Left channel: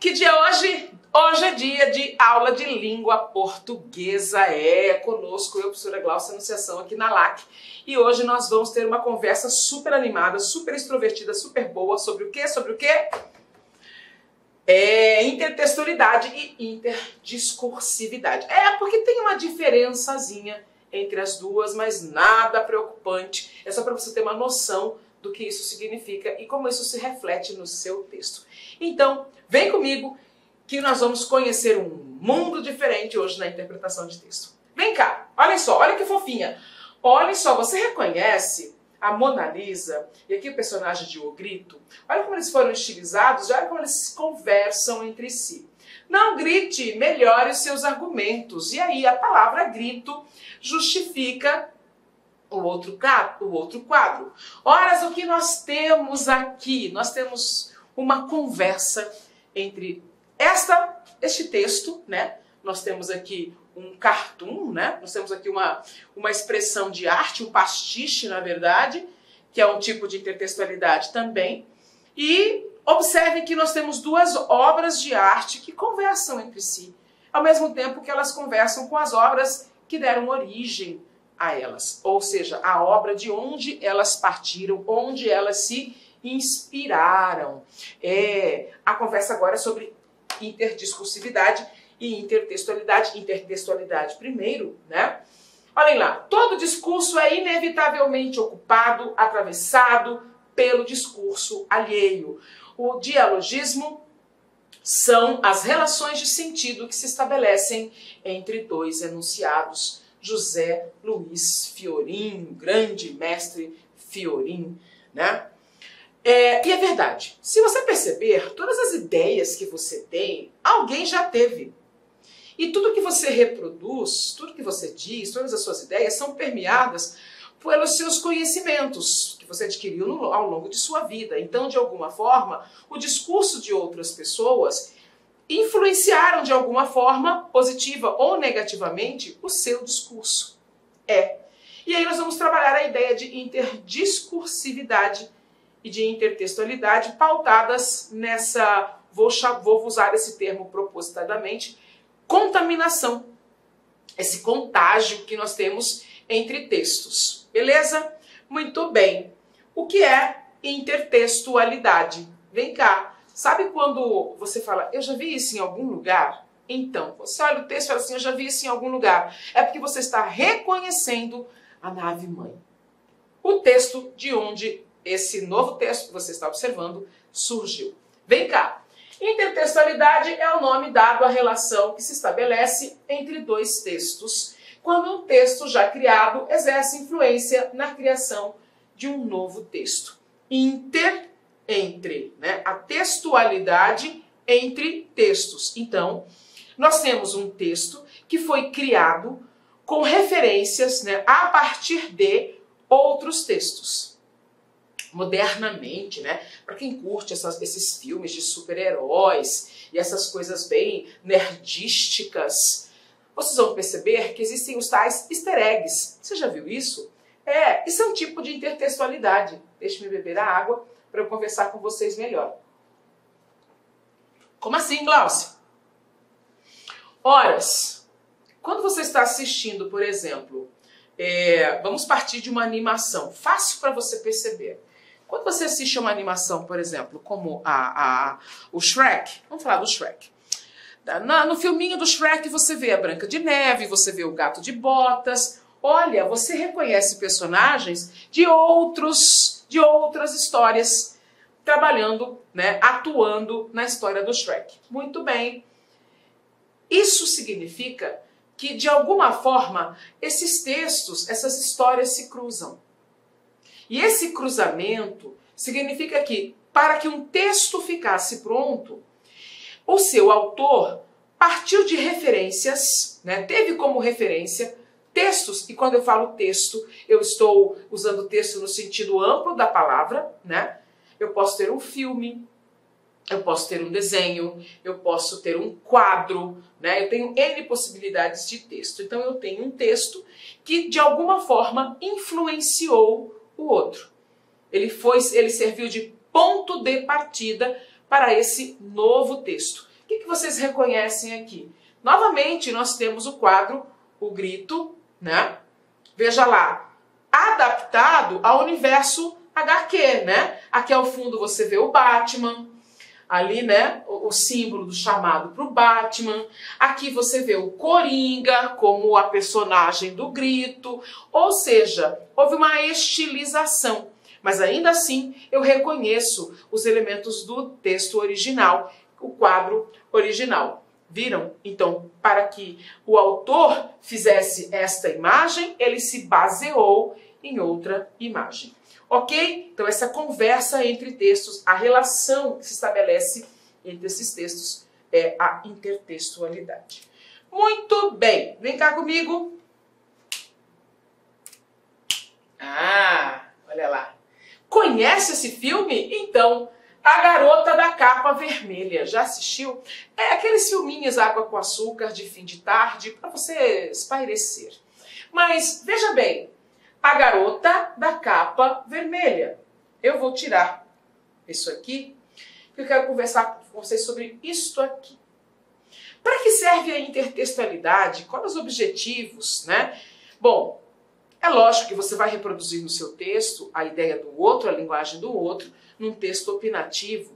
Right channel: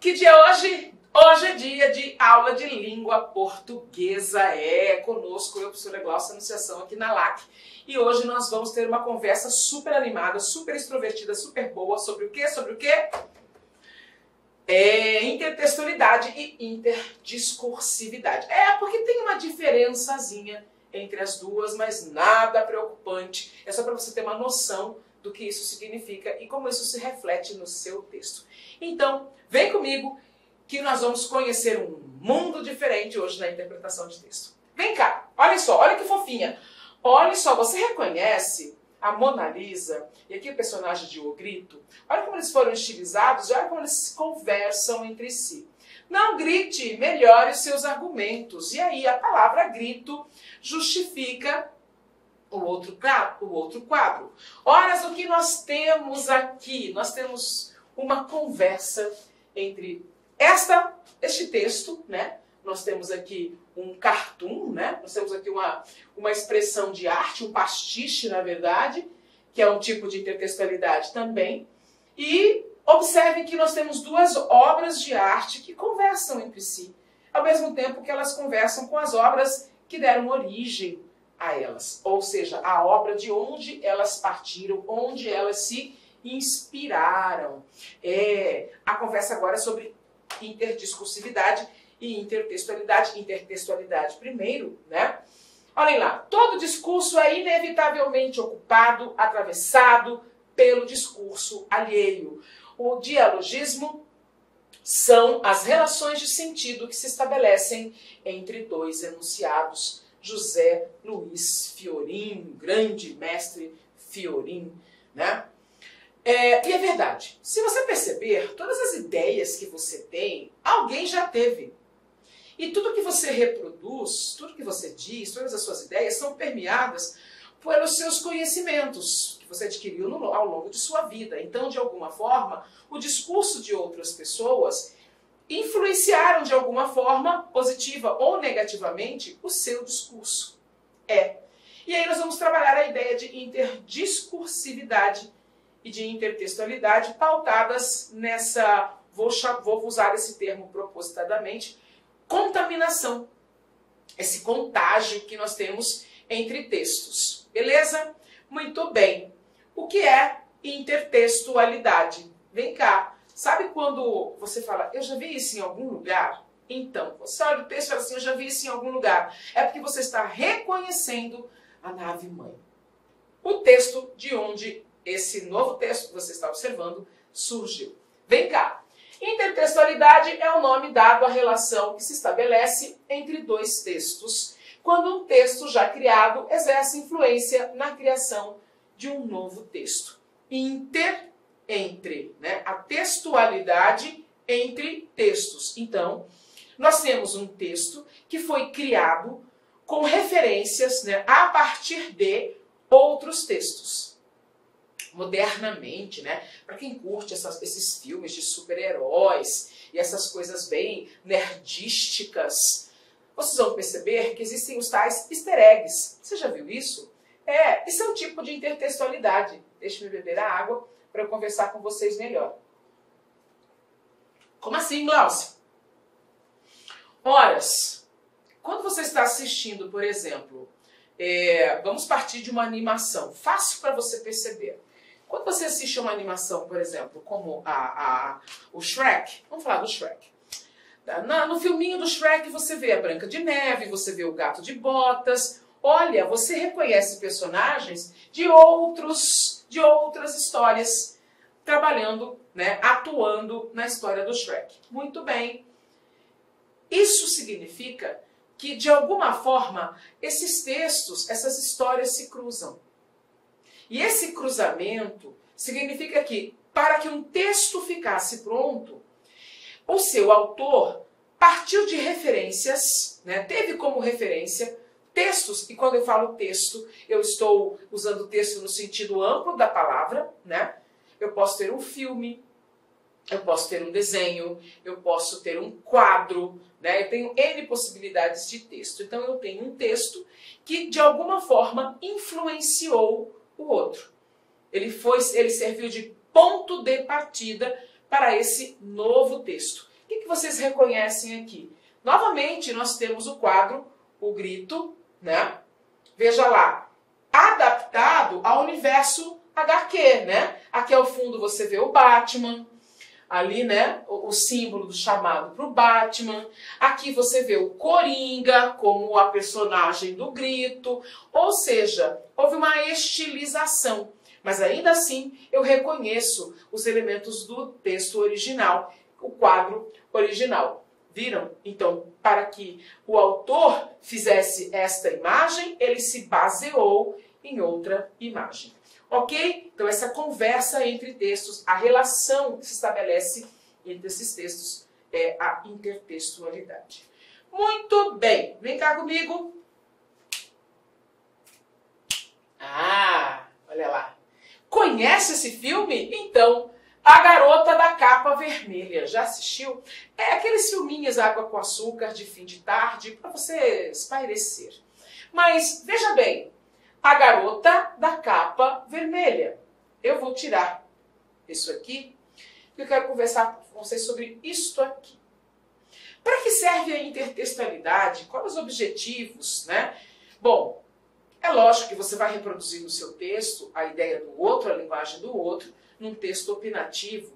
Que dia é hoje? Hoje é dia de aula de língua portuguesa. Conosco, eu, professora Glaucia Anunciação, aqui na LAC. E hoje nós vamos ter uma conversa super animada, super extrovertida, super boa. Sobre o quê? Sobre o quê? Intertextualidade e interdiscursividade. Porque tem uma diferençazinha entre as duas, mas nada preocupante. É só para você ter uma noção do que isso significa e como isso se reflete no seu texto. Então, vem comigo que nós vamos conhecer um mundo diferente hoje na interpretação de texto. Vem cá, olha só, olha que fofinha. Olha só, você reconhece a Mona Lisa e aqui o personagem de O Grito? Olha como eles foram estilizados, olha como eles conversam entre si. Não grite, melhore os seus argumentos. E aí a palavra grito justifica o outro quadro. Ora, o que nós temos aqui? Nós temos uma conversa entre este texto, né? Nós temos aqui um cartoon, né? Nós temos aqui uma expressão de arte, um pastiche, na verdade, que é um tipo de intertextualidade também. E observem que nós temos duas obras de arte que conversam entre si, ao mesmo tempo que elas conversam com as obras que deram origem a elas, ou seja, a obra de onde elas partiram, onde elas se inspiraram. A conversa agora é sobre interdiscursividade e intertextualidade. Intertextualidade primeiro, né? Olhem lá, todo discurso é inevitavelmente ocupado, atravessado pelo discurso alheio. O dialogismo são as relações de sentido que se estabelecem entre dois enunciados. José Luiz Fiorin, grande mestre Fiorin, né? E é verdade, se você perceber, todas as ideias que você tem, alguém já teve. E tudo que você reproduz, tudo que você diz, todas as suas ideias são permeadas pelos seus conhecimentos que você adquiriu ao longo de sua vida. Então, de alguma forma, o discurso de outras pessoas influenciaram de alguma forma, positiva ou negativamente, o seu discurso. E aí nós vamos trabalhar a ideia de interdiscursividade e de intertextualidade pautadas nessa, vou usar esse termo propositadamente, contaminação. Esse contágio que nós temos entre textos. Beleza? Muito bem. O que é intertextualidade? Vem cá. Sabe quando você fala, eu já vi isso em algum lugar? Então, você olha o texto e fala assim, eu já vi isso em algum lugar. É porque você está reconhecendo a nave-mãe. O texto de onde esse novo texto que você está observando surgiu. Vem cá. Intertextualidade é o nome dado à relação que se estabelece entre dois textos, quando um texto já criado exerce influência na criação de um novo texto. Entre, né? A textualidade entre textos. Então, nós temos um texto que foi criado com referências, né, a partir de outros textos. Modernamente, né, para quem curte esses filmes de super-heróis e essas coisas bem nerdísticas, vocês vão perceber que existem os tais easter eggs. Você já viu isso? Isso é um tipo de intertextualidade. Deixe-me beber a água para eu conversar com vocês melhor. Como assim, Glaucia? Horas. Quando você está assistindo, por exemplo, vamos partir de uma animação, fácil para você perceber. Quando você assiste uma animação, por exemplo, como o Shrek, vamos falar do Shrek. No filminho do Shrek você vê a Branca de Neve, você vê o Gato de Botas. Olha, você reconhece personagens de outras histórias, trabalhando, né, atuando na história do Shrek. Muito bem. Isso significa que, de alguma forma, esses textos, essas histórias se cruzam. E esse cruzamento significa que, para que um texto ficasse pronto, o seu autor partiu de referências, né, teve como referência textos, e quando eu falo texto, eu estou usando texto no sentido amplo da palavra, né? Eu posso ter um filme, eu posso ter um desenho, eu posso ter um quadro, né? Eu tenho N possibilidades de texto. Então eu tenho um texto que de alguma forma influenciou o outro. Ele serviu de ponto de partida para esse novo texto. vocês reconhecem aqui? Novamente, nós temos o quadro O Grito, né? Veja lá, adaptado ao universo HQ, né? Aqui ao fundo você vê o Batman, ali, né, o símbolo do chamado para o Batman. Aqui você vê o Coringa como a personagem do Grito. Ou seja, houve uma estilização. Mas ainda assim eu reconheço os elementos do texto original, o quadro original. Viram? Então, para que o autor fizesse esta imagem, ele se baseou em outra imagem. Ok? Então, essa conversa entre textos, a relação que se estabelece entre esses textos é a intertextualidade. Muito bem. Vem cá comigo. Ah, olha lá. Conhece esse filme? Então, A Garota da Capa Vermelha. Já assistiu? É aqueles filminhos água com açúcar de fim de tarde para você espairecer. Mas, veja bem, A Garota da Capa Vermelha. Eu vou tirar isso aqui, porque eu quero conversar com vocês sobre isto aqui. Para que serve a intertextualidade? Quais os objetivos, né? Bom, é lógico que você vai reproduzir no seu texto a ideia do outro, a linguagem do outro, num texto opinativo.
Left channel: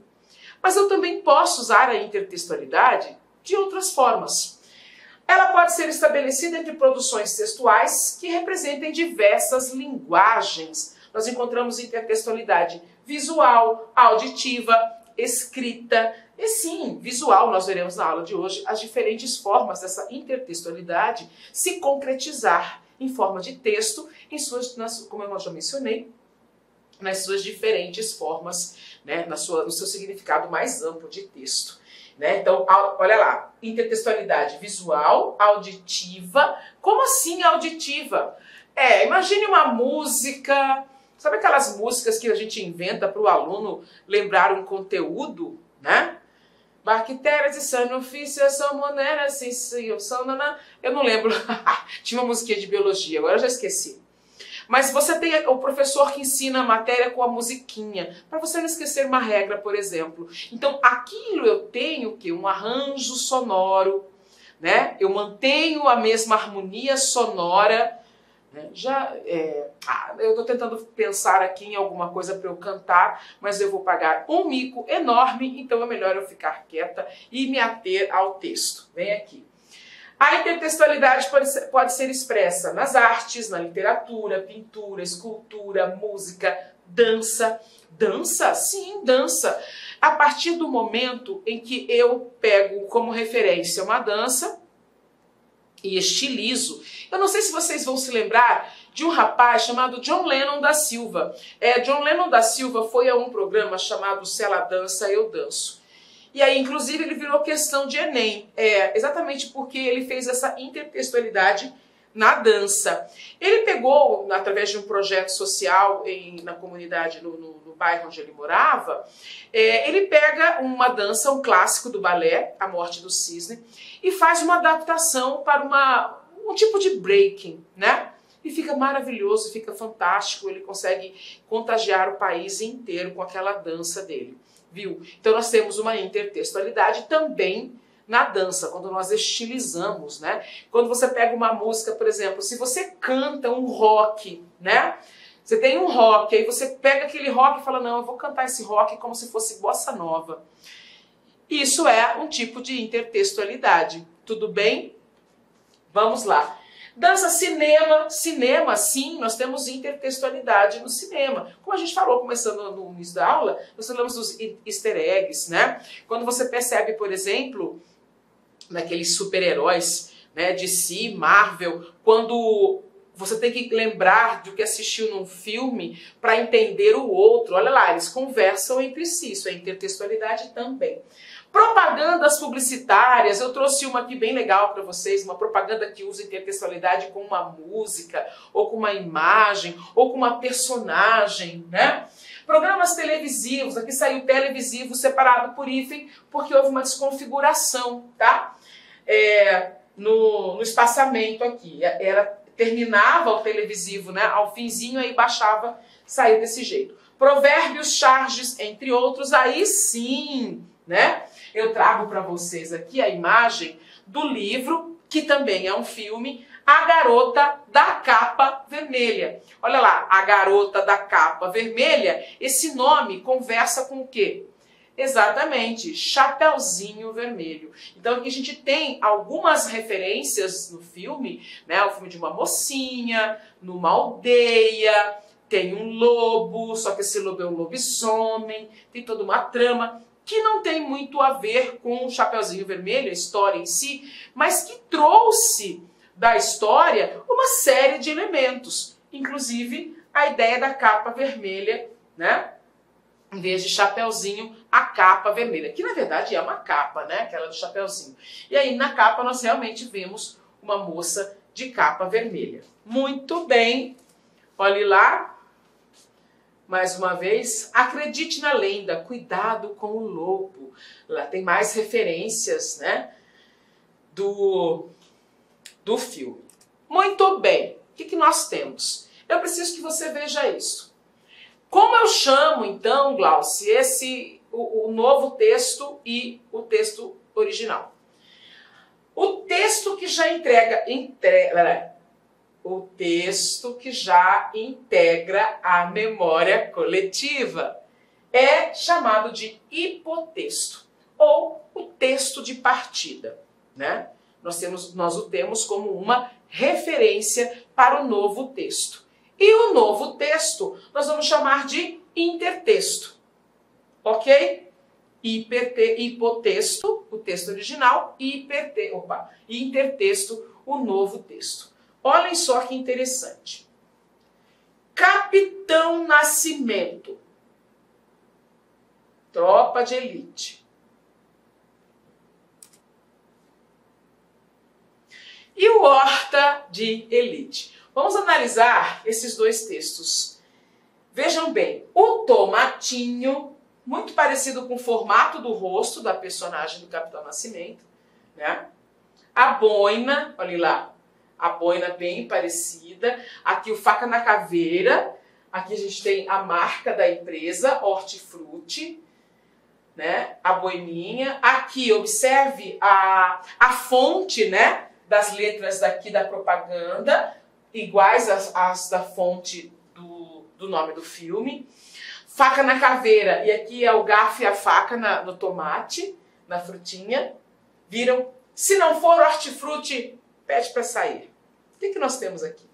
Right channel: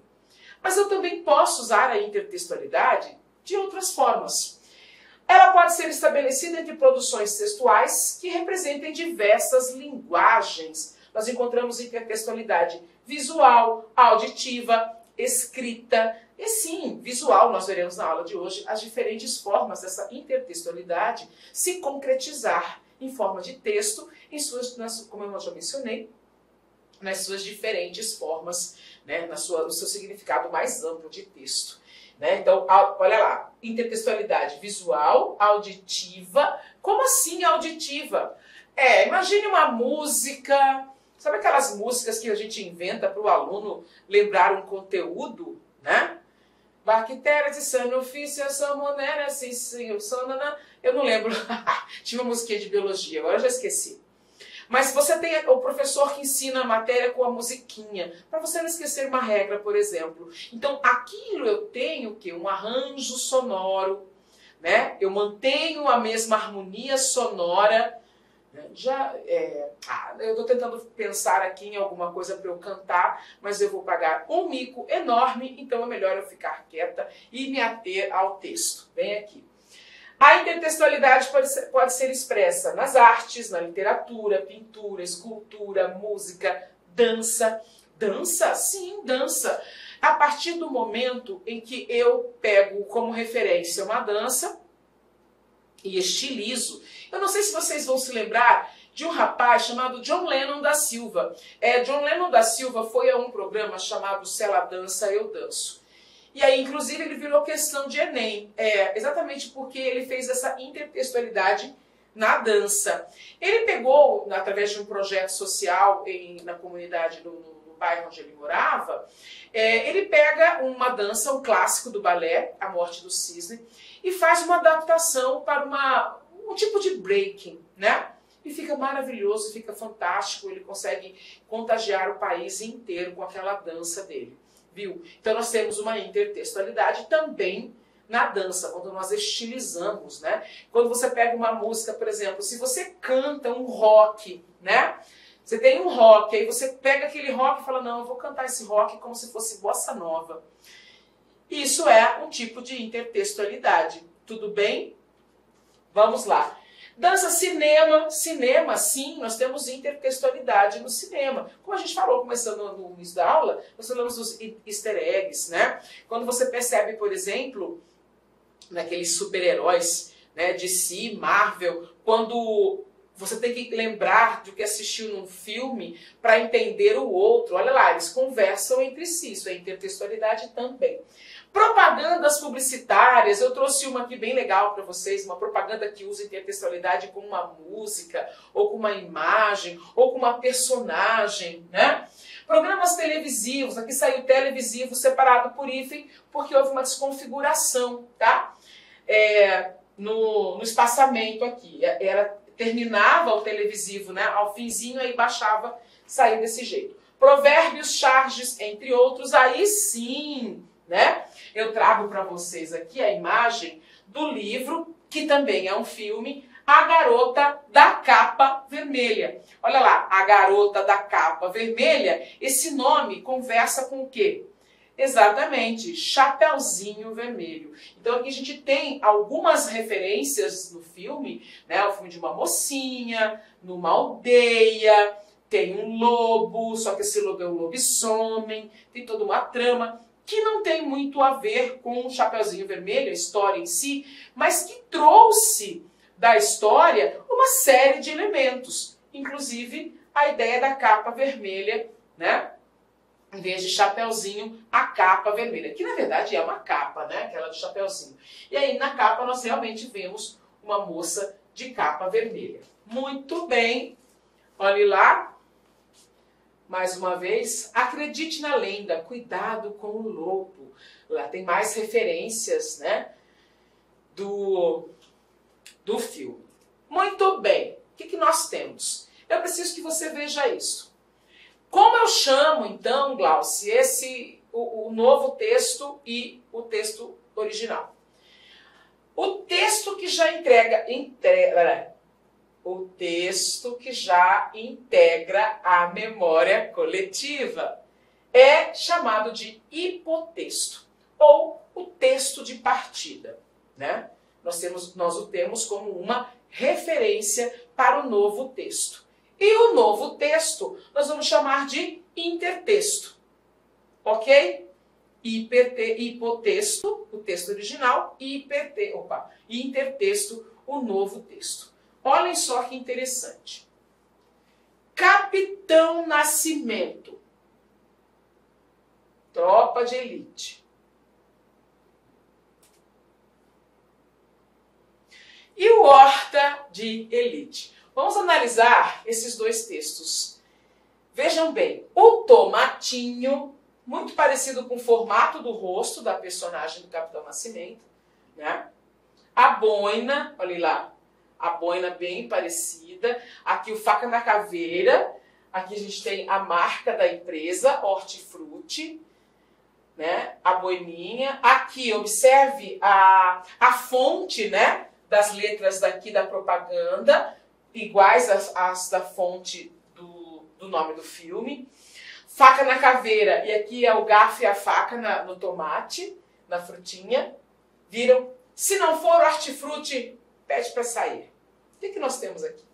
Mas eu também posso usar a intertextualidade de outras formas. Ela pode ser estabelecida entre produções textuais que representem diversas linguagens. Nós encontramos intertextualidade visual, auditiva, escrita. E sim, visual, nós veremos na aula de hoje as diferentes formas dessa intertextualidade se concretizar em forma de texto, como eu já mencionei, nas suas diferentes formas, né, no seu significado mais amplo de texto. Né? Então, olha lá, intertextualidade visual, auditiva. Como assim auditiva? Imagine uma música, sabe aquelas músicas que a gente inventa para o aluno lembrar um conteúdo, né? Bactérias e sanofícia, salmonera, eu não lembro. Tinha uma musiquinha de biologia, agora eu já esqueci. Mas você tem o professor que ensina a matéria com a musiquinha, para você não esquecer uma regra, por exemplo. Então, aquilo eu tenho que um arranjo sonoro, né? Eu mantenho a mesma harmonia sonora. Né? Eu estou tentando pensar aqui em alguma coisa para eu cantar, mas eu vou pagar um mico enorme, então é melhor eu ficar quieta e me ater ao texto. Vem aqui. A intertextualidade pode ser expressa nas artes, na literatura, pintura, escultura, música, dança. Dança? Sim, dança. A partir do momento em que eu pego como referência uma dança e estilizo. Eu não sei se vocês vão se lembrar de um rapaz chamado John Lennon da Silva. John Lennon da Silva foi a um programa chamado Se Ela Dança, Eu Danço. E aí, inclusive, ele virou questão de Enem, exatamente porque ele fez essa intertextualidade na dança. Ele pegou, através de um projeto social na comunidade, no bairro onde ele morava, ele pega uma dança, um clássico do balé, A Morte do Cisne, e faz uma adaptação para um tipo de breaking, né? E fica maravilhoso, fica fantástico, ele consegue contagiar o país inteiro com aquela dança dele. Viu? Então nós temos uma intertextualidade também na dança, quando nós estilizamos, né? Quando você pega uma música, por exemplo, se você canta um rock, né? Você tem um rock, aí você pega aquele rock e fala, não, eu vou cantar esse rock como se fosse bossa nova. Isso é um tipo de intertextualidade. Tudo bem? Vamos lá. Dança, cinema, sim, nós temos intertextualidade no cinema. Como a gente falou, começando no início da aula, nós falamos dos easter eggs, né? Quando você percebe, por exemplo, naqueles super-heróis, né, DC, Marvel, quando você tem que lembrar do que assistiu num filme para entender o outro. Olha lá, eles conversam entre si, isso é intertextualidade também. Propagandas publicitárias, eu trouxe uma aqui bem legal para vocês, uma propaganda que usa intertextualidade com uma música, ou com uma imagem, ou com uma personagem, né? Programas televisivos, aqui saiu televisivo separado por hífen, porque houve uma desconfiguração, tá? No espaçamento aqui, terminava o televisivo, né? Ao finzinho, aí baixava, saiu desse jeito. Provérbios, charges, entre outros, aí sim, né? eu trago para vocês aqui a imagem do livro, que também é um filme, A Garota da Capa Vermelha. Olha lá, A Garota da Capa Vermelha, esse nome conversa com o quê? Exatamente, Chapeuzinho Vermelho. Então aqui a gente tem algumas referências no filme, né? O filme de uma mocinha, numa aldeia, tem um lobo, só que esse lobo é um lobisomem, tem toda uma trama que não tem muito a ver com o Chapeuzinho Vermelho, a história em si, mas que trouxe da história uma série de elementos, inclusive a ideia da capa vermelha, né? Em vez de chapeuzinho, a capa vermelha, que na verdade é uma capa, né? Aquela do chapeuzinho. E aí na capa nós realmente vemos uma moça de capa vermelha. Muito bem, olhe lá, mais uma vez, acredite na lenda, cuidado com o lobo. Lá tem mais referências, né? Do filme. Muito bem, o que nós temos? Eu preciso que você veja isso. Como eu chamo, então, Glauci, o novo texto e o texto original? O texto que já o texto que já integra a memória coletiva é chamado de hipotexto, ou o texto de partida, né? Nós o temos como uma referência para o novo texto. E o novo texto nós vamos chamar de intertexto, ok? Hipotexto, o texto original, e intertexto, o novo texto. Olhem só que interessante. Capitão Nascimento, tropa de elite. E o Horta de Elite. Vamos analisar esses dois textos. Vejam bem, o Tomatinho, muito parecido com o formato do rosto da personagem do Capitão Nascimento, né? A boina, olha lá, a boina bem parecida. Aqui o Faca na Caveira, aqui a gente tem a marca da empresa, Hortifruti, né? A boininha. Aqui, observe a fonte, né? Das letras daqui da propaganda, iguais às da fonte do nome do filme. Faca na caveira, e aqui é o garfo e a faca no tomate, na frutinha. Viram? Se não for hortifruti, pede para sair. O que nós temos aqui?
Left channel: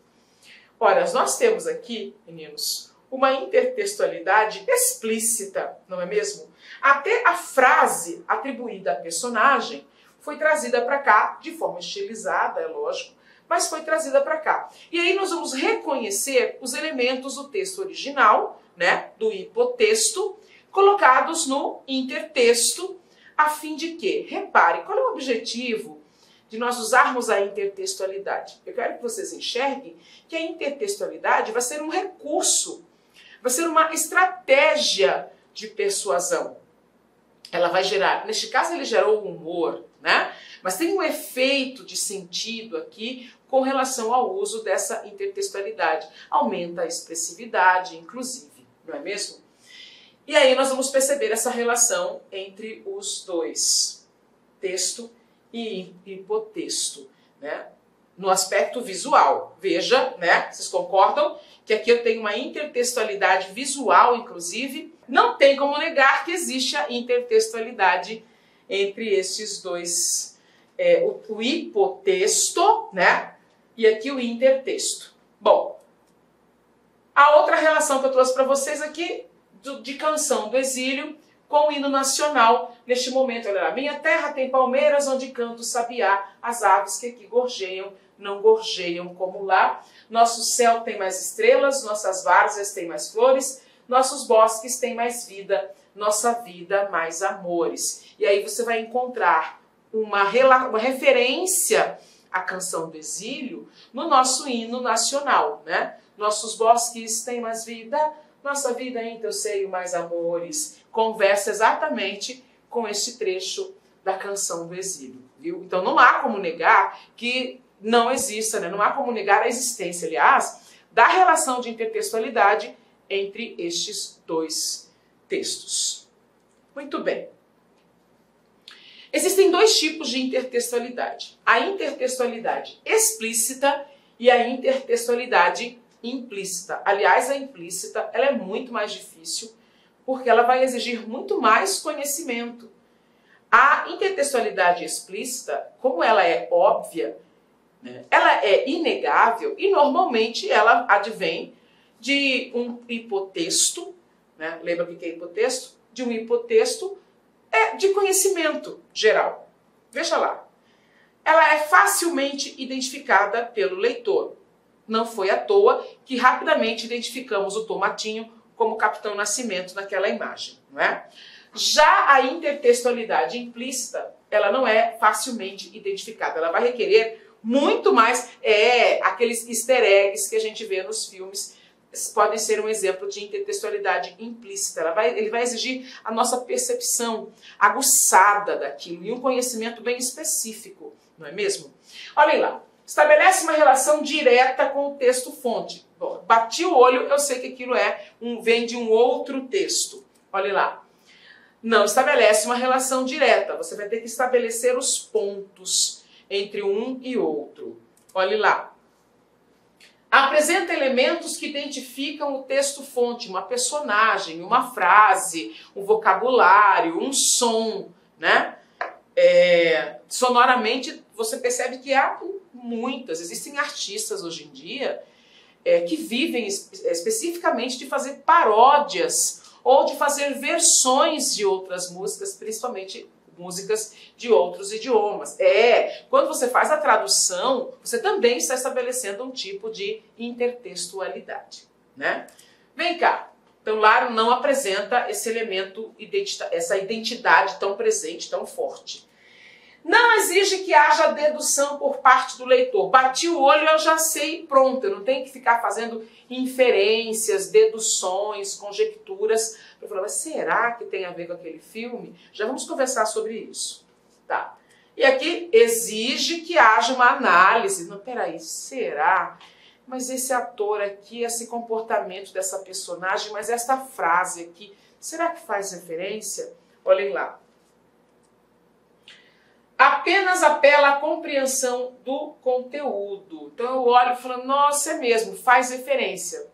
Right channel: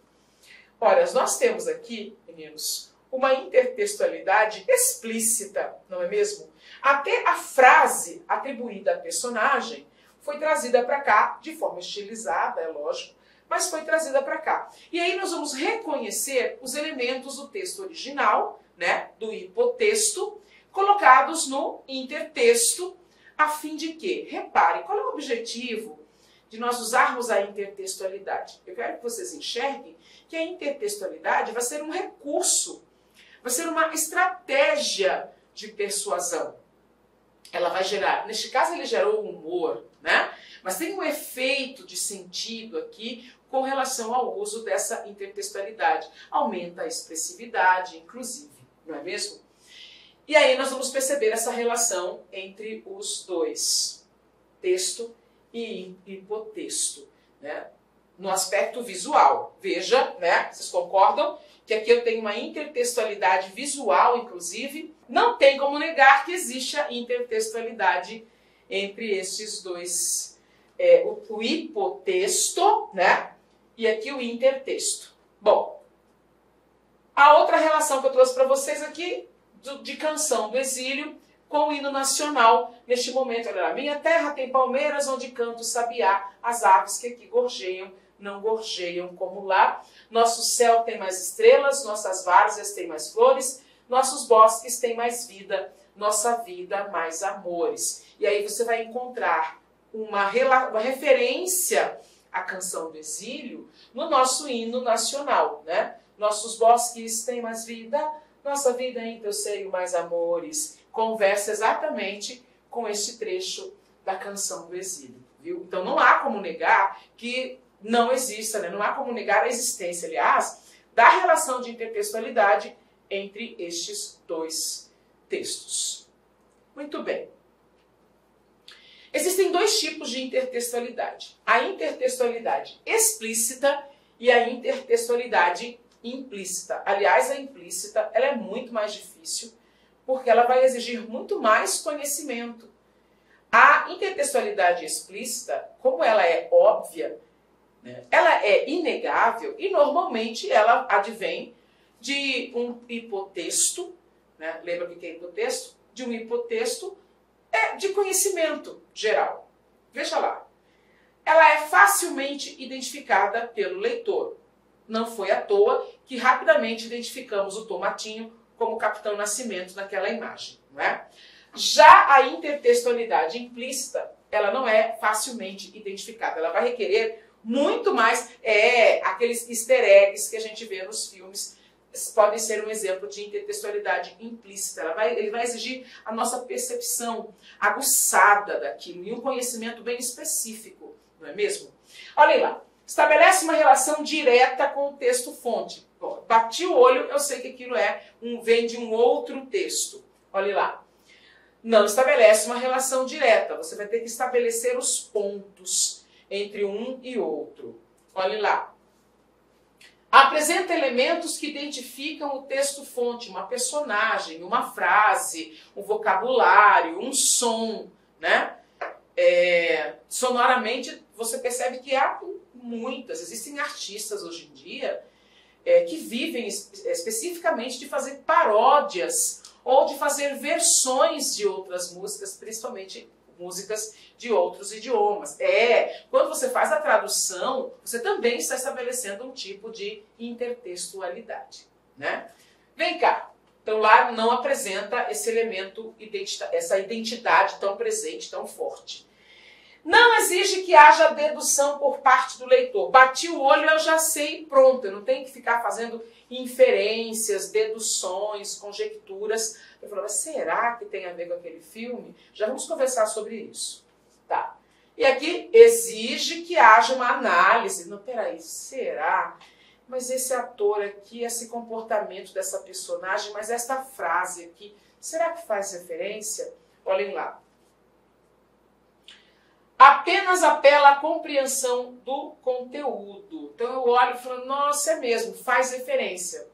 Olha, nós temos aqui, meninos, uma intertextualidade explícita, não é mesmo? Até a frase atribuída à personagem foi trazida para cá, de forma estilizada, é lógico, mas foi trazida para cá. E aí nós vamos reconhecer os elementos do texto original, né, do hipotexto, colocados no intertexto, a fim de que, repare, qual é o objetivo de nós usarmos a intertextualidade? Eu quero que vocês enxerguem que a intertextualidade vai ser um recurso, vai ser uma estratégia de persuasão. Ela vai gerar, neste caso ele gerou um humor, né? Mas tem um efeito de sentido aqui com relação ao uso dessa intertextualidade. Aumenta a expressividade, inclusive, não é mesmo? E aí nós vamos perceber essa relação entre os dois, texto e hipotexto, né? No aspecto visual. Veja, né? Vocês concordam que aqui eu tenho uma intertextualidade visual, inclusive. Não tem como negar que existe a intertextualidade entre estes dois, o hipotexto, né? E aqui o intertexto. Bom, a outra relação que eu trouxe para vocês aqui, de Canção do Exílio com o hino nacional, neste momento. Olha lá, minha terra tem palmeiras onde canta o sabiá, as aves que aqui gorjeiam, não gorjeiam como lá. Nosso céu tem mais estrelas, nossas várzeas têm mais flores, nossos bosques têm mais vida, nossa vida mais amores. E aí você vai encontrar uma referência à Canção do Exílio no nosso hino nacional, né? Nossos bosques têm mais vida, nossa vida em teu seio mais amores. Conversa exatamente com este trecho da Canção do Exílio, viu? Então não há como negar que não exista, né? Não há como negar a existência, aliás, da relação de intertextualidade entre estes dois textos. Muito bem. dois tipos de intertextualidade. A intertextualidade explícita e a intertextualidade implícita. Aliás, a implícita ela é muito mais difícil porque ela vai exigir muito mais conhecimento. A intertextualidade explícita, como ela é óbvia, né, ela é inegável e normalmente ela advém de um hipotexto, né? Lembra o que é hipotexto? De um hipotexto de conhecimento geral. Veja lá. Ela é facilmente identificada pelo leitor. Não foi à toa que rapidamente identificamos o Tomatinho como Capitão Nascimento naquela imagem, não é? Já a intertextualidade implícita, ela não é facilmente identificada. Ela vai requerer muito mais aqueles easter eggs que a gente vê nos filmes. Podem ser um exemplo de intertextualidade implícita. Ele vai exigir a nossa percepção aguçada daquilo e um conhecimento bem específico, não é mesmo? Olhem lá. Estabelece uma relação direta com o texto-fonte. Bati o olho, eu sei que aquilo vem de um outro texto. Olhem lá. Não estabelece uma relação direta. Você vai ter que estabelecer os pontos entre um e outro. Olhem lá. Apresenta elementos que identificam o texto-fonte, uma personagem, uma frase, um vocabulário, um som, né? Sonoramente, você percebe que há existem artistas hoje em dia que vivem especificamente de fazer paródias ou de fazer versões de outras músicas, principalmente músicas de outros idiomas. Quando você faz a tradução, você também está estabelecendo um tipo de intertextualidade, né? Vem cá. Então lá não apresenta esse elemento, essa identidade tão presente, tão forte. Não exige que haja dedução por parte do leitor. Bati o olho, eu já sei, pronto. Eu não tenho que ficar fazendo inferências, deduções, conjecturas. Eu falo, mas será que tem a ver com aquele filme? Já vamos conversar sobre isso. Tá. E aqui exige que haja uma análise. Não, peraí, será? Mas esse ator aqui, esse comportamento dessa personagem, mas essa frase aqui, será que faz referência? Olhem lá. Apenas apela à compreensão do conteúdo. Então eu olho e falo, nossa, é mesmo, faz referência.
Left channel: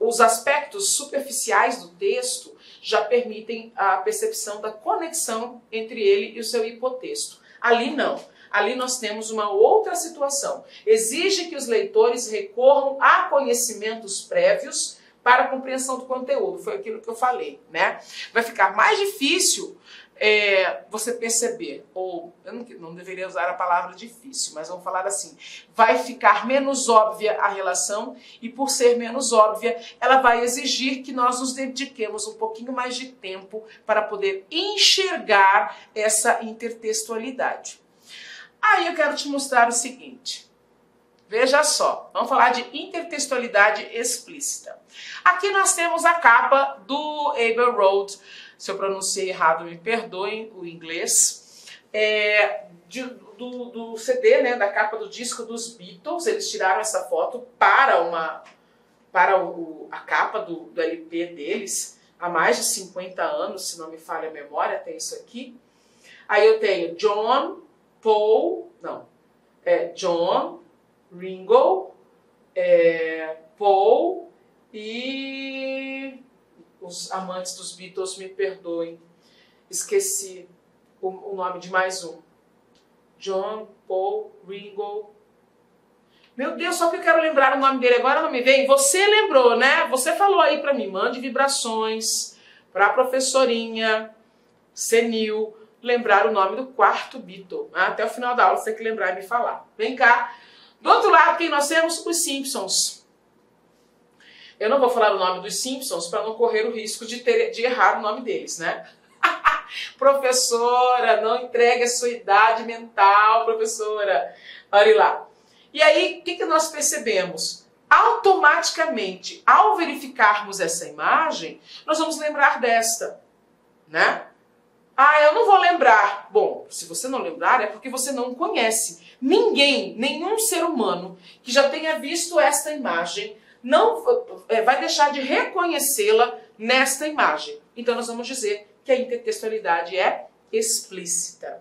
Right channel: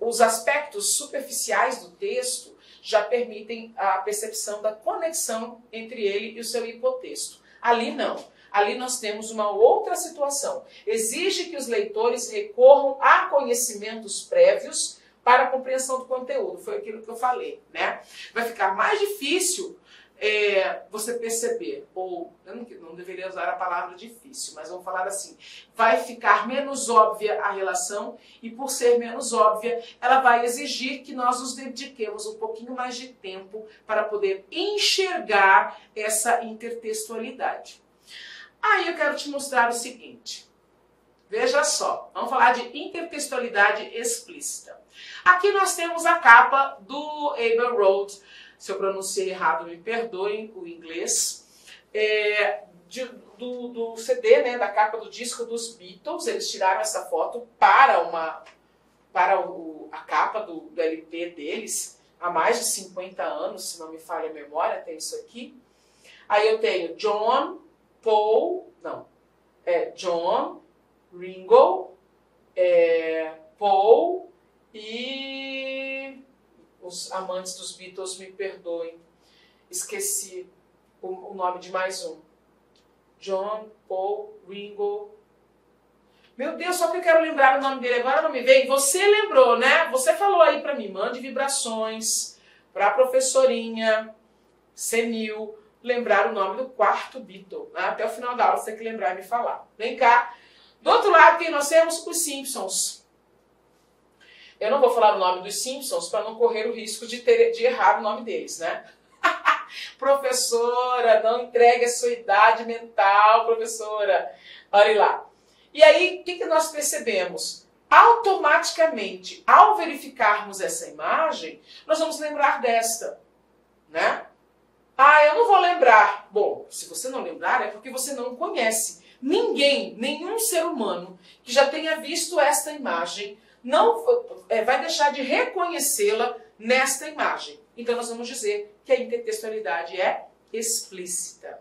Os aspectos superficiais do texto já permitem a percepção da conexão entre ele e o seu hipotexto. Ali não. Ali nós temos uma outra situação. Exige que os leitores recorram a conhecimentos prévios para a compreensão do conteúdo. Foi aquilo que eu falei, né? Vai ficar mais difícil você perceber, ou eu não deveria usar a palavra difícil, mas vamos falar assim, vai ficar menos óbvia a relação e por ser menos óbvia, ela vai exigir que nós nos dediquemos um pouquinho mais de tempo para poder enxergar essa intertextualidade. Aí eu quero te mostrar o seguinte, veja só, vamos falar de intertextualidade explícita. Aqui nós temos a capa do Abbey Road. Se eu pronunciei errado, me perdoem o inglês, do CD, né, da capa do disco dos Beatles. Eles tiraram essa foto para a capa do LP deles, há mais de 50 anos, se não me falha a memória, tem isso aqui. Aí eu tenho John, Ringo, Paul e... Os amantes dos Beatles me perdoem, esqueci o nome de mais um. John, Paul, Ringo. Meu Deus, só que eu quero lembrar o nome dele agora, não me vem. Você lembrou, né? Você falou aí pra mim, mande vibrações pra professorinha senil lembrar o nome do quarto Beatle. Até o final da aula você tem que lembrar e me falar. Vem cá. Do outro lado, quem nós temos? Os Simpsons. Eu não vou falar o nome dos Simpsons para não correr o risco de errar o nome deles, né? Professora, não entregue a sua idade mental, professora. Olha lá. E aí, o que nós percebemos? Automaticamente, ao verificarmos essa imagem, nós vamos lembrar desta, né? Ah, eu não vou lembrar. Bom, se você não lembrar, é porque você não conhece. Nenhum ser humano que já tenha visto esta imagem não vai deixar de reconhecê-la nesta imagem. Então nós vamos dizer que a intertextualidade é explícita.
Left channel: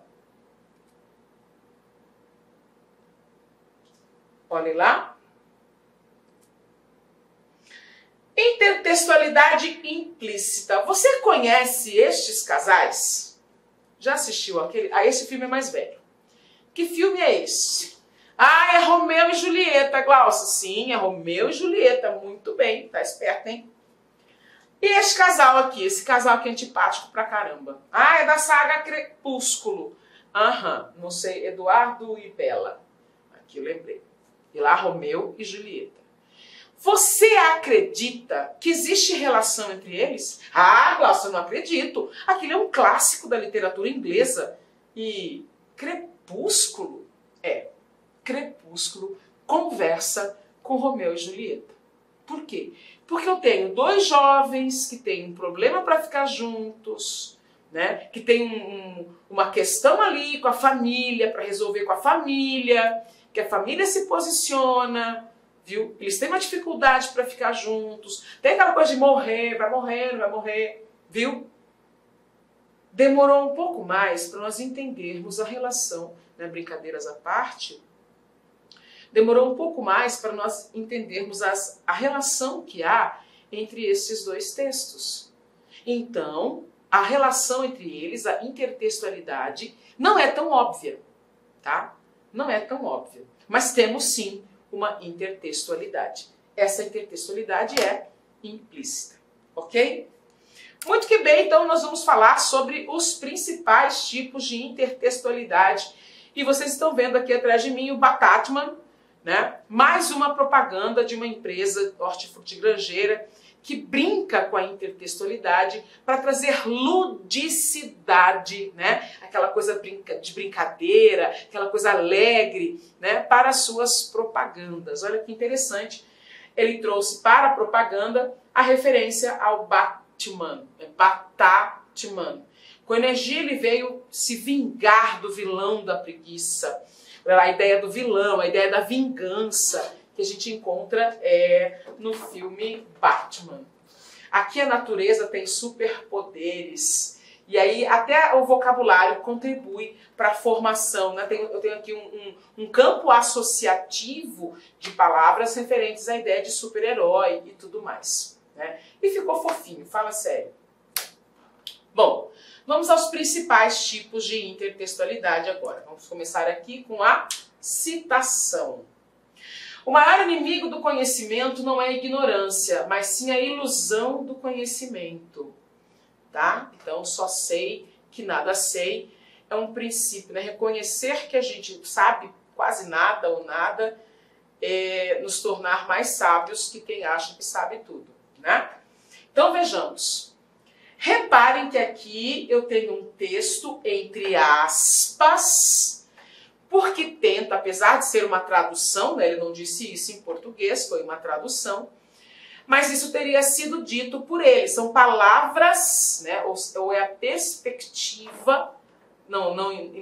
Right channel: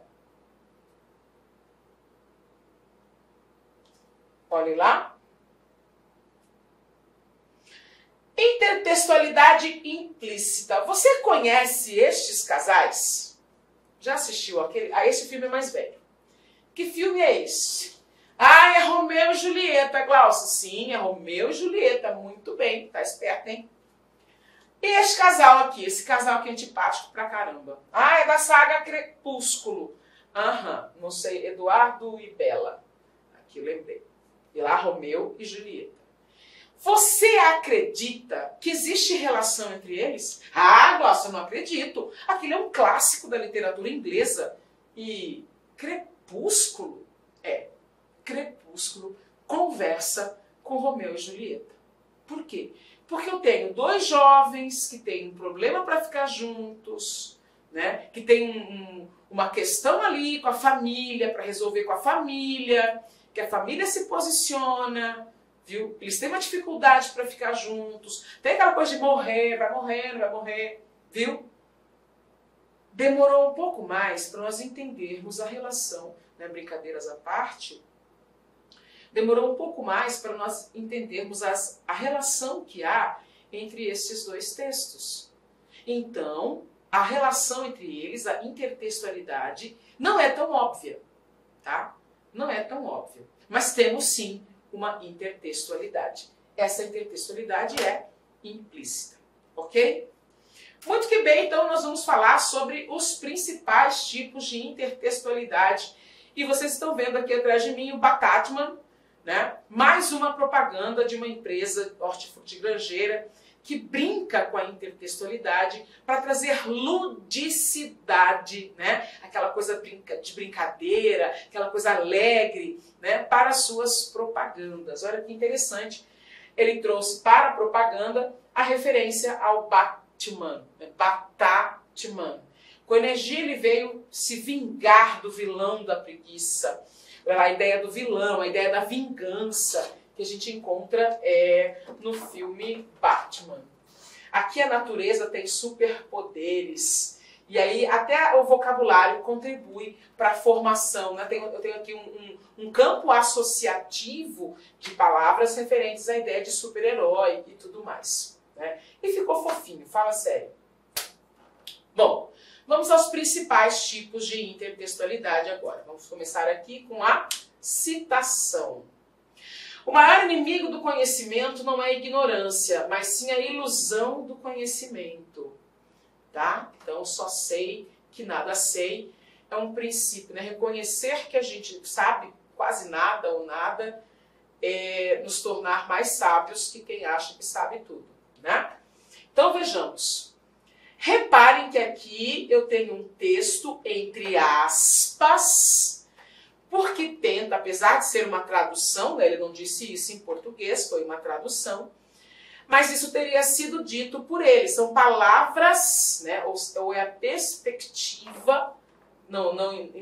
Olhem lá. Intertextualidade implícita. Você conhece estes casais? Já assistiu aquele? Ah, esse filme é mais velho. Que filme é esse? Ah, é Romeu e Julieta, Glaucia. Sim, é Romeu e Julieta. Muito bem, tá esperto, hein? E esse casal aqui, esse casal aqui é antipático pra caramba. Ah, é da saga Crepúsculo. Aham, não sei, Eduardo e Bela. Aqui eu lembrei. E lá, Romeu e Julieta. Você acredita que existe relação entre eles? Ah, Glaucia, eu não acredito. Aquilo é um clássico da literatura inglesa. E Crepúsculo? Crepúsculo conversa com Romeu e Julieta. Por quê? Porque eu tenho dois jovens que têm um problema para ficar juntos, né? Que tem uma questão ali com a família, para resolver com a família, que a família se posiciona, viu? Eles têm uma dificuldade para ficar juntos, tem aquela coisa de morrer, vai morrer, não vai morrer, viu? Demorou um pouco mais para nós entendermos a relação, né? Brincadeiras à parte, demorou um pouco mais para nós entendermos a relação que há entre esses dois textos. Então, a relação entre eles, a intertextualidade, não é tão óbvia, tá? Não é tão óbvia. Mas temos sim uma intertextualidade. Essa intertextualidade é implícita, ok? Muito que bem, então nós vamos falar sobre os principais tipos de intertextualidade. E vocês estão vendo aqui atrás de mim o Batatman, né? Mais uma propaganda de uma empresa hortifrutigranjeira que brinca com a intertextualidade para trazer ludicidade, né? Aquela coisa de brincadeira, aquela coisa alegre, né? Para as suas propagandas. Olha que interessante. Ele trouxe para a propaganda a referência ao Batman, Batatman. Com energia ele veio se vingar do vilão da preguiça. A ideia do vilão, a ideia da vingança que a gente encontra no filme Batman. Aqui a natureza tem superpoderes. E aí até o vocabulário contribui para a formação, né? Eu tenho aqui um campo associativo de palavras referentes à ideia de super-herói e tudo mais, né? E ficou fofinho, fala sério. Bom, vamos aos principais tipos de intertextualidade agora. Vamos começar aqui com a citação. O maior inimigo do conhecimento não é a ignorância, mas sim a ilusão do conhecimento. Tá? Então, só sei que nada sei é um princípio, né? Reconhecer que a gente sabe quase nada ou nada é nos tornar mais sábios que quem acha que sabe tudo, né? Então, vejamos. Reparem que aqui eu tenho um texto entre aspas, porque tenta, apesar de ser uma tradução, né, ele não disse isso em português, foi uma tradução, mas isso teria sido dito por ele. São palavras, né, ou é a perspectiva, não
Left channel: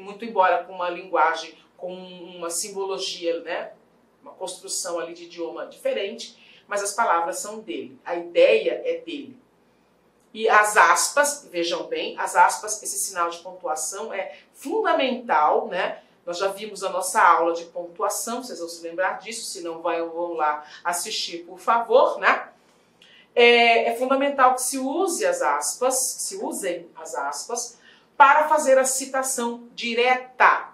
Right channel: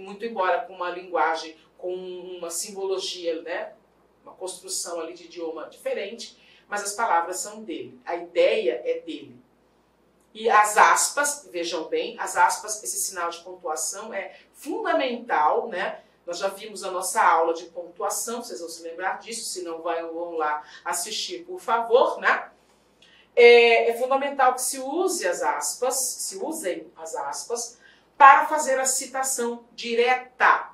muito embora com uma linguagem, com uma simbologia, né, uma construção ali de idioma diferente, mas as palavras são dele, a ideia é dele. E as aspas, vejam bem, as aspas, esse sinal de pontuação é fundamental, né? Nós já vimos a nossa aula de pontuação, vocês vão se lembrar disso, se não vão lá assistir, por favor, né? É fundamental que se usem as aspas para fazer a citação direta.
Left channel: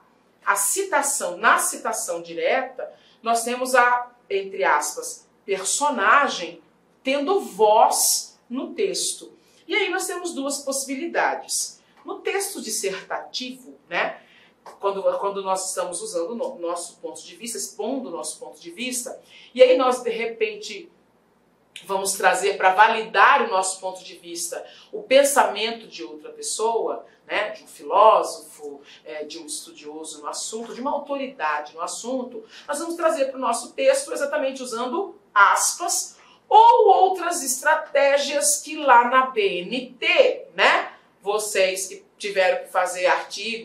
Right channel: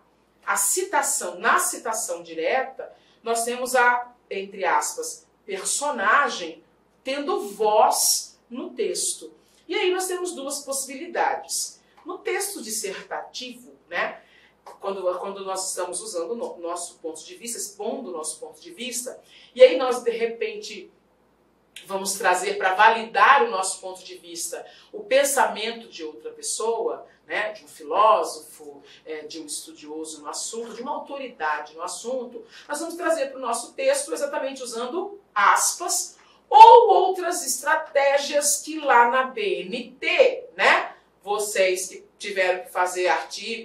Na citação direta, nós temos a, entre aspas, personagem tendo voz no texto. E aí nós temos duas possibilidades. No texto dissertativo, né, quando nós estamos usando o nosso ponto de vista, expondo o nosso ponto de vista, e aí nós, de repente, vamos trazer para validar o nosso ponto de vista o pensamento de outra pessoa, né, de um filósofo, de um estudioso no assunto, de uma autoridade no assunto, nós vamos trazer para o nosso texto exatamente usando aspas, ou outras estratégias que lá na BNT, né, vocês que tiveram que fazer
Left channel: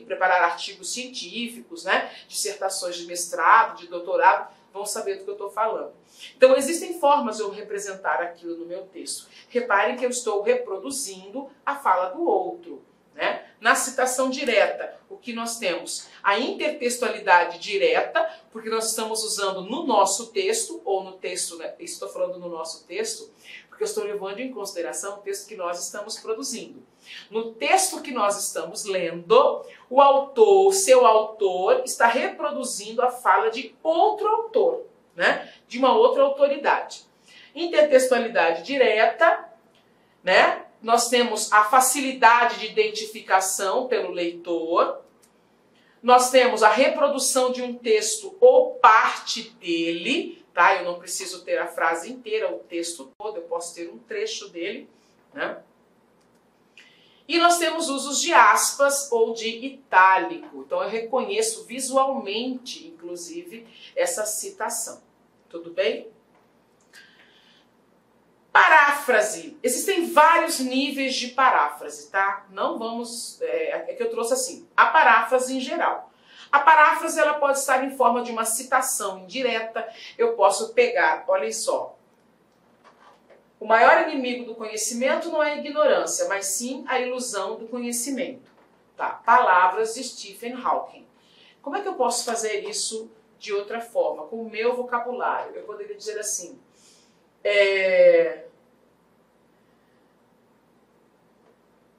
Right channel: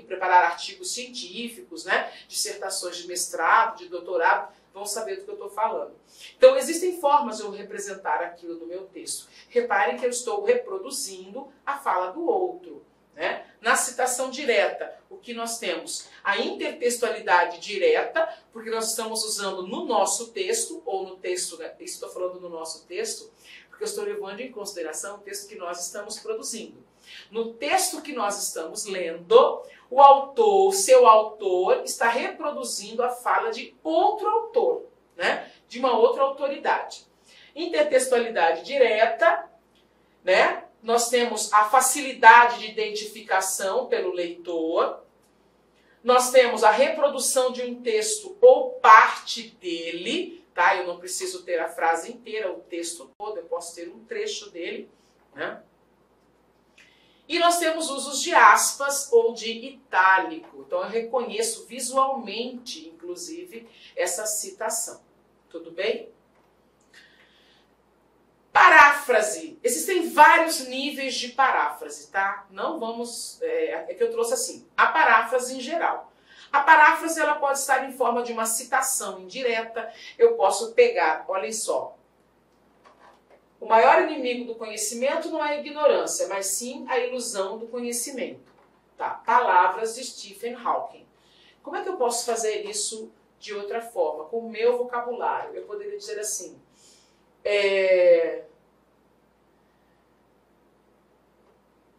preparar artigos científicos, né, dissertações de mestrado, de doutorado, vão saber do que eu estou falando. Então, existem formas de eu representar aquilo no meu texto. Reparem que eu estou reproduzindo a fala do outro, né? Na citação direta, o que nós temos? A intertextualidade direta, porque nós estamos usando no nosso texto, ou no texto, né? Estou falando no nosso texto, porque eu estou levando em consideração o texto que nós estamos produzindo. No texto que nós estamos lendo, o autor, seu autor, está reproduzindo a fala de outro autor, né? De uma outra autoridade. Intertextualidade direta, né? Nós temos a facilidade de identificação pelo leitor. Nós temos a reprodução de um texto ou parte dele, tá? Eu não preciso ter a frase inteira, o texto todo, eu posso ter um trecho dele, né? E nós temos usos de aspas ou de itálico. Então eu reconheço visualmente, inclusive, essa citação. Tudo bem? Paráfrase. Existem vários níveis de paráfrase, tá? Não vamos... É que eu trouxe assim. A paráfrase em geral. A paráfrase ela pode estar em forma de uma citação indireta. Eu posso pegar, olhem só. O maior inimigo do conhecimento não é a ignorância, mas sim a ilusão do conhecimento. Tá? Palavras de Stephen Hawking. Como é que eu posso fazer isso de outra forma? Com o meu vocabulário. Eu poderia dizer assim...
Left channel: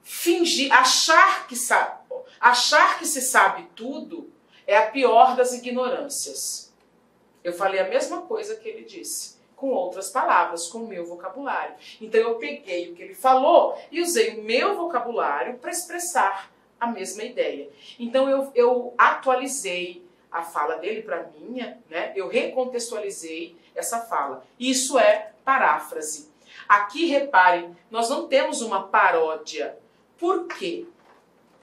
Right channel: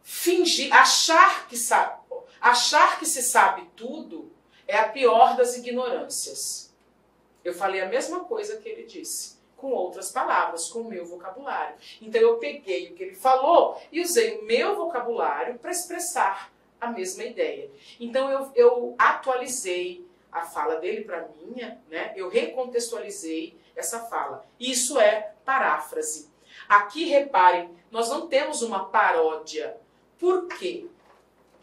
Fingir, achar que se sabe tudo é a pior das ignorâncias. Eu falei a mesma coisa que ele disse, com outras palavras, com o meu vocabulário. Então eu peguei o que ele falou e usei o meu vocabulário para expressar a mesma ideia. Então eu atualizei a fala dele para a minha, né? Eu recontextualizei essa fala. Isso é paráfrase. Aqui, reparem, nós não temos uma paródia. Por quê?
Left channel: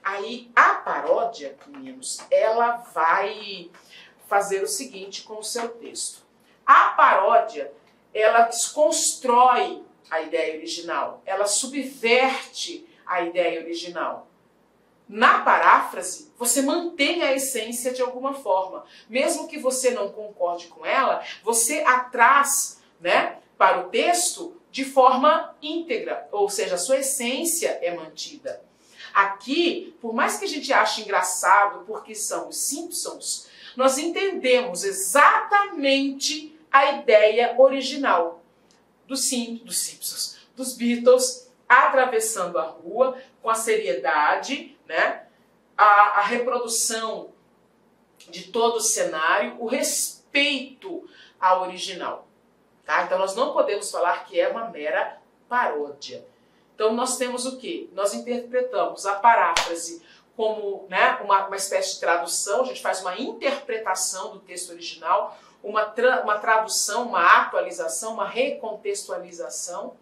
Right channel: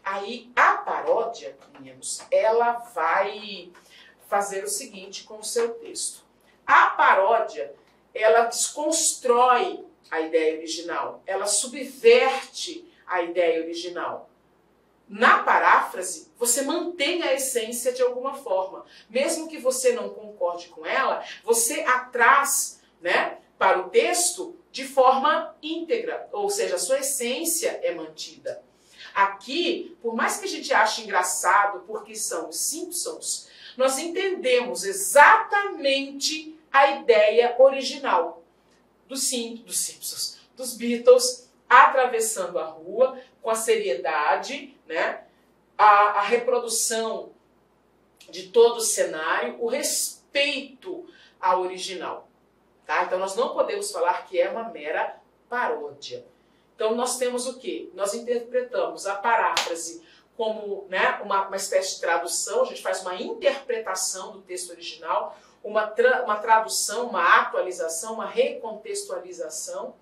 Aí a paródia, meninos, ela vai fazer o seguinte com o seu texto. A paródia, ela desconstrói a ideia original, ela subverte a ideia original. Na paráfrase, você mantém a essência de alguma forma. Mesmo que você não concorde com ela, você a traz, né, para o texto de forma íntegra, ou seja, a sua essência é mantida. Aqui, por mais que a gente ache engraçado, porque são os Simpsons, nós entendemos exatamente a ideia original dos Simpsons, dos Beatles, atravessando a rua com a seriedade, né? A reprodução de todo o cenário, o respeito ao original. Tá? Então nós não podemos falar que é uma mera paródia. Então nós temos o quê? Nós interpretamos a paráfrase como, né, uma espécie de tradução, a gente faz uma interpretação do texto original, uma tradução, uma atualização, uma recontextualização.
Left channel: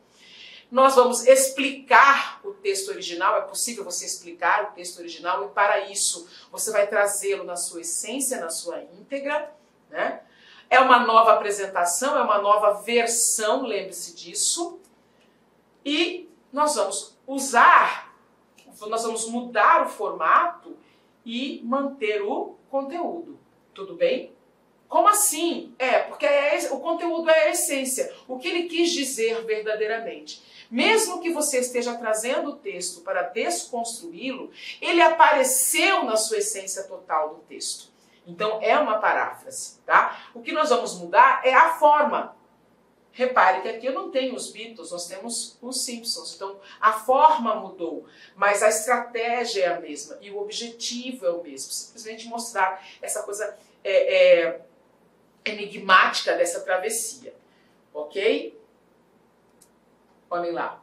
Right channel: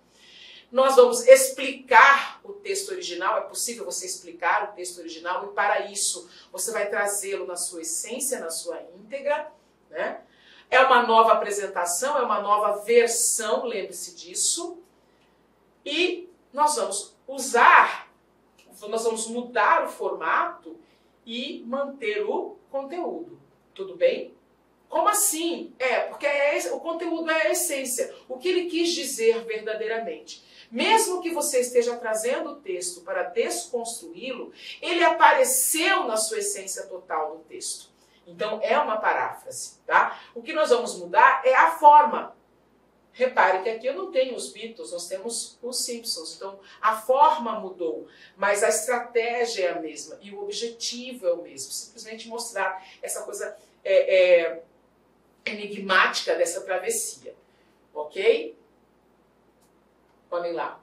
Nós vamos explicar o texto original, é possível você explicar o texto original e para isso você vai trazê-lo na sua essência, na sua íntegra, né? É uma nova apresentação, é uma nova versão, lembre-se disso. E nós vamos mudar o formato e manter o conteúdo. Tudo bem? Como assim? Porque o conteúdo é a essência, o que ele quis dizer verdadeiramente. Mesmo que você esteja trazendo o texto para desconstruí-lo, ele apareceu na sua essência total do texto. Então, é uma paráfrase, tá? O que nós vamos mudar é a forma. Repare que aqui eu não tenho os Beatles, nós temos os Simpsons. Então, a forma mudou, mas a estratégia é a mesma e o objetivo é o mesmo. Simplesmente mostrar essa coisa enigmática dessa travessia. Ok? Olhem lá.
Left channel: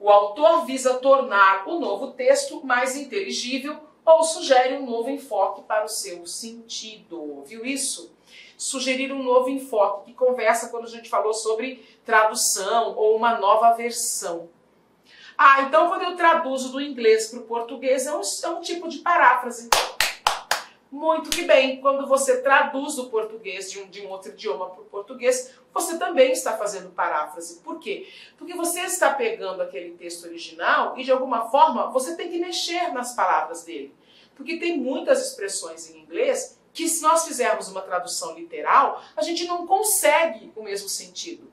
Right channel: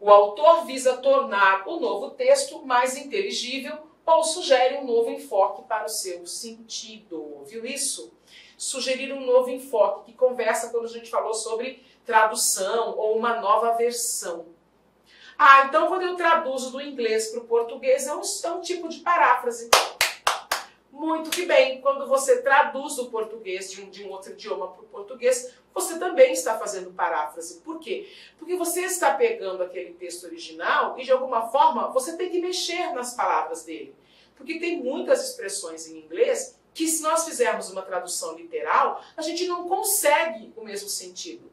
O autor visa tornar o novo texto mais inteligível ou sugere um novo enfoque para o seu sentido. Viu isso? Sugerir um novo enfoque, que conversa quando a gente falou sobre tradução ou uma nova versão. Então quando eu traduzo do inglês para o português é um tipo de paráfrase. Muito que bem, quando você traduz do português de um outro idioma para o português, você também está fazendo paráfrase. Por quê? Porque você está pegando aquele texto original e, de alguma forma, você tem que mexer nas palavras dele. Porque tem muitas expressões em inglês que, se nós fizermos uma tradução literal, a gente não consegue o mesmo sentido,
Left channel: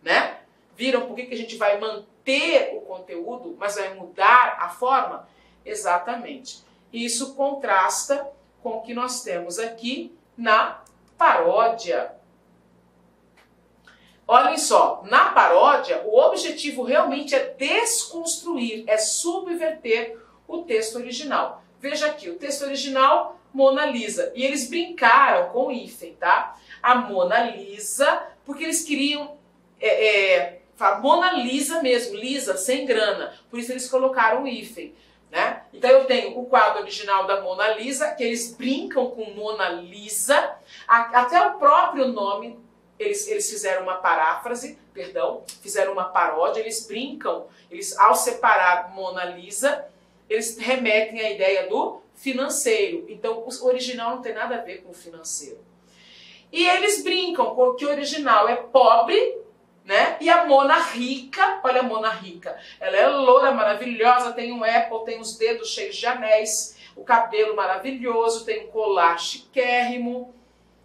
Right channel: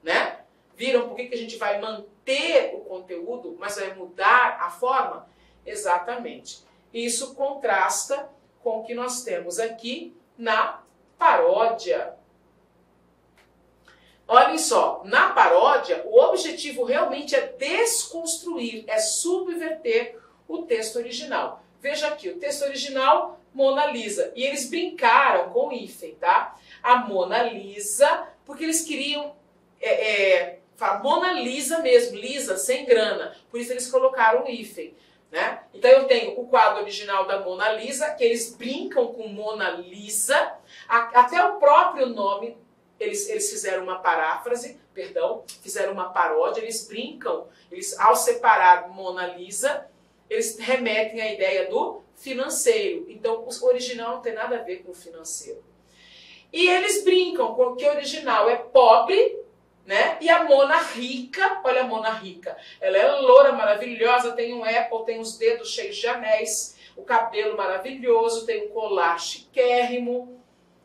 né? Viram por que a gente vai manter o conteúdo, mas vai mudar a forma? Exatamente. Isso contrasta com o que nós temos aqui na paródia. Olhem só, na paródia, o objetivo realmente é desconstruir, é subverter o texto original. Veja aqui, o texto original, Mona Lisa. E eles brincaram com o hífen, tá? A Mona Lisa, porque eles queriam Mona Lisa mesmo, Lisa, sem grana. Por isso eles colocaram o hífen, né? Então eu tenho o quadro original da Mona Lisa, que eles brincam com Mona Lisa, até o próprio nome, eles fizeram uma paráfrase, fizeram uma paródia, eles brincam, ao separar Mona Lisa, eles remetem à ideia do financeiro. Então o original não tem nada a ver com o financeiro. E eles brincam com que o original é pobre, né? E a Mona rica, olha a Mona rica, ela é loura, maravilhosa, tem um Apple, tem os dedos cheios de anéis, o cabelo maravilhoso, tem um colar chiquérrimo.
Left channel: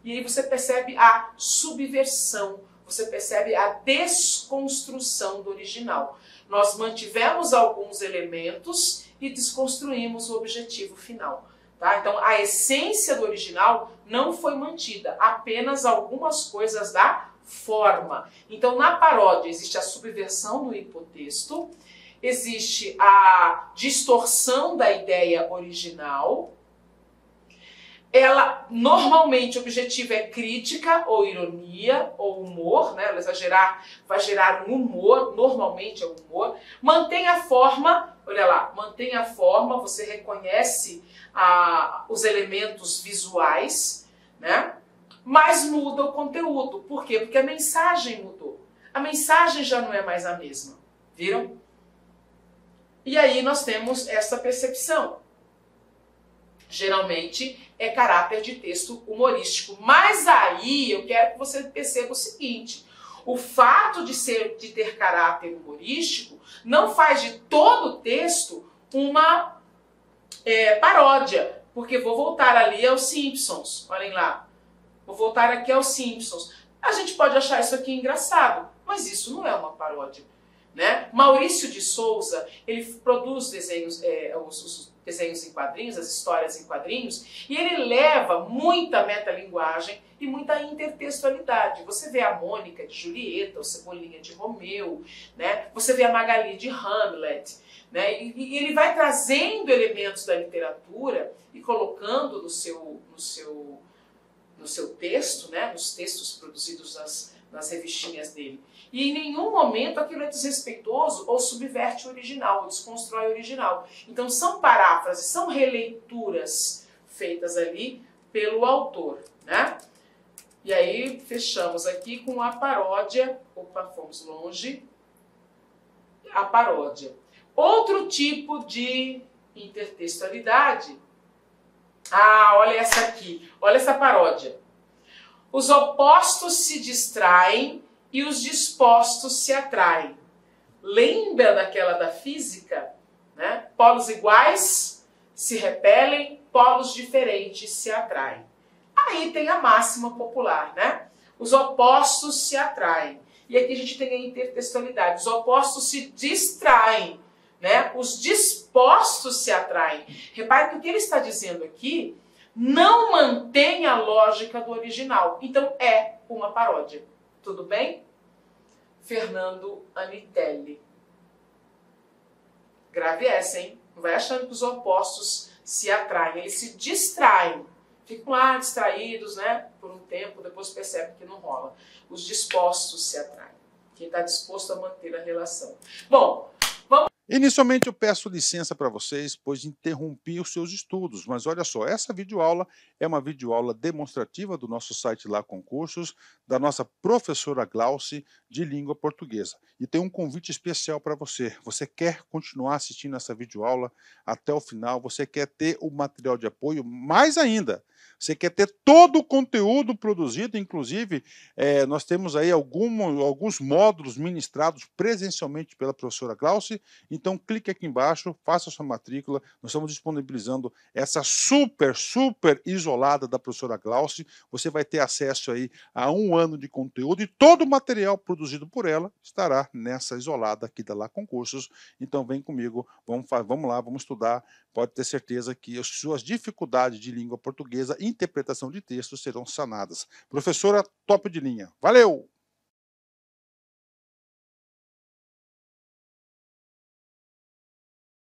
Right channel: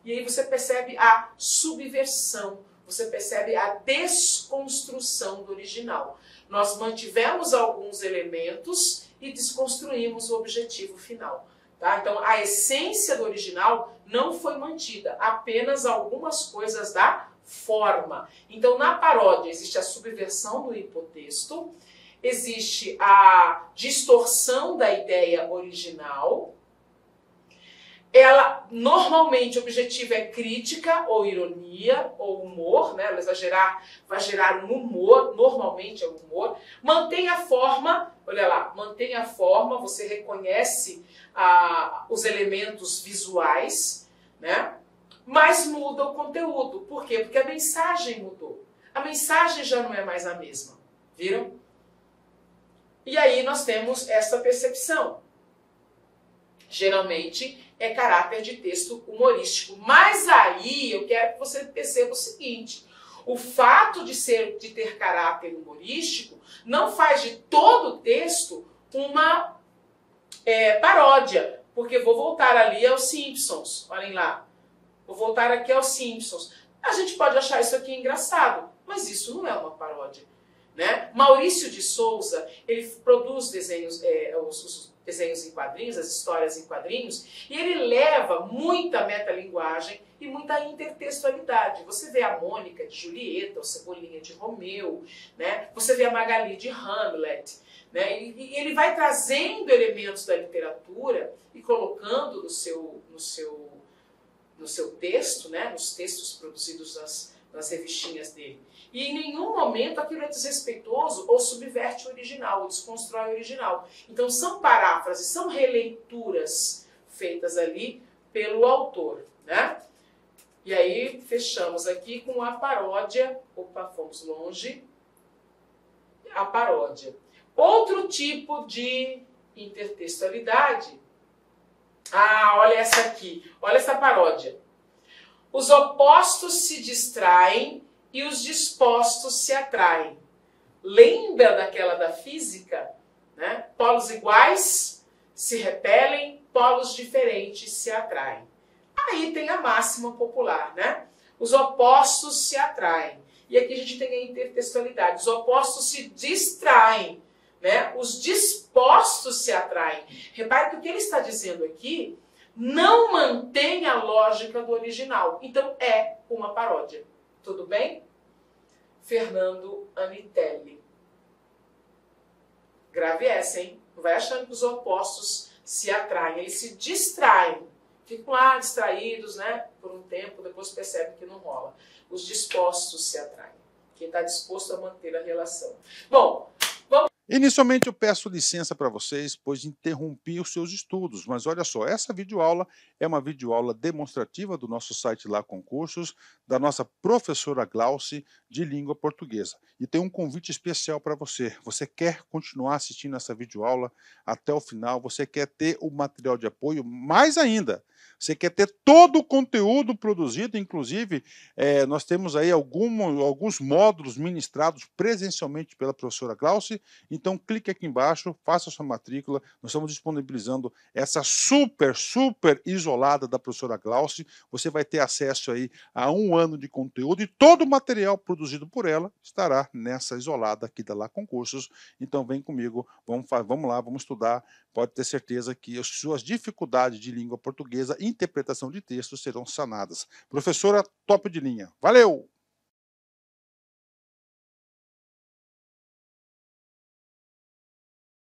E aí você percebe a subversão, você percebe a desconstrução do original. Nós mantivemos alguns elementos e desconstruímos o objetivo final. Tá? Então a essência do original não foi mantida, apenas algumas coisas da forma. Então na paródia existe a subversão do hipotexto, existe a distorção da ideia original. Ela, normalmente, o objetivo é crítica, ou ironia, ou humor, né? Vai gerar um humor, normalmente é o humor. Mantém a forma, olha lá, mantém a forma, você reconhece os elementos visuais, né? Mas muda o conteúdo. Por quê? Porque a mensagem mudou. A mensagem já não é mais a mesma. Viram? E aí nós temos essa percepção. Geralmente é caráter de texto humorístico. Mas aí eu quero que você perceba o seguinte: o fato de ter caráter humorístico não faz de todo o texto uma paródia. Porque vou voltar ali aos Simpsons. Olhem lá. Vou voltar aqui aos Simpsons. A gente pode achar isso aqui engraçado, mas isso não é uma paródia. Né? Maurício de Souza, ele produz desenhos, os desenhos em quadrinhos, as histórias em quadrinhos, e ele leva muita metalinguagem e muita intertextualidade. Você vê a Mônica de Julieta, o Cebolinha de Romeu, né? Você vê a Magali de Hamlet, né? E ele vai trazendo elementos da literatura e colocando no seu texto, né? Nos textos produzidos nas revistinhas dele. E em nenhum momento aquilo é desrespeitoso ou subverte o original, ou desconstrói o original. Então são paráfrases, são releituras feitas ali pelo autor, né? E aí fechamos aqui com a paródia. Opa, fomos longe. A paródia. Outro tipo de intertextualidade. Olha essa aqui. Olha essa paródia. Os opostos se distraem e os dispostos se atraem. Lembra daquela da física? Né? Polos iguais se repelem, polos diferentes se atraem. Aí tem a máxima popular, né? Os opostos se atraem. E aqui a gente tem a intertextualidade. Os opostos se distraem, né? Os dispostos se atraem. Repare que o que ele está dizendo aqui não mantém a lógica do original. Então é uma paródia. Tudo bem? Fernando Anitelli. Grave essa, hein? Não vai achando que os opostos se atraem. Eles se distraem. Ficam lá distraídos, né? Por um tempo, depois percebe que não rola. Os dispostos se atraem. Quem está disposto a manter a relação. Bom, vamos... Inicialmente eu peço licença para vocês, pois interrompi os seus estudos, mas olha só, essa videoaula é uma videoaula demonstrativa do nosso site Lá Concursos, da nossa professora Glauci de língua portuguesa. E tem um convite especial para você. Você quer continuar assistindo essa videoaula até o final? Você quer ter o material de apoio? Mais ainda, Você quer ter todo o conteúdo produzido, inclusive, nós temos aí alguns módulos ministrados presencialmente pela professora Glauci, então clique aqui embaixo, faça a sua matrícula, nós estamos disponibilizando essa super isolada da professora Glauci, você vai ter acesso aí a 1 ano de conteúdo e todo o material produzido por ela estará nessa isolada aqui da Lá Concursos. Então vem comigo, vamos lá, vamos estudar. Pode ter certeza que as suas dificuldades de língua portuguesa e interpretação de textos serão sanadas. Professora top de linha. Valeu!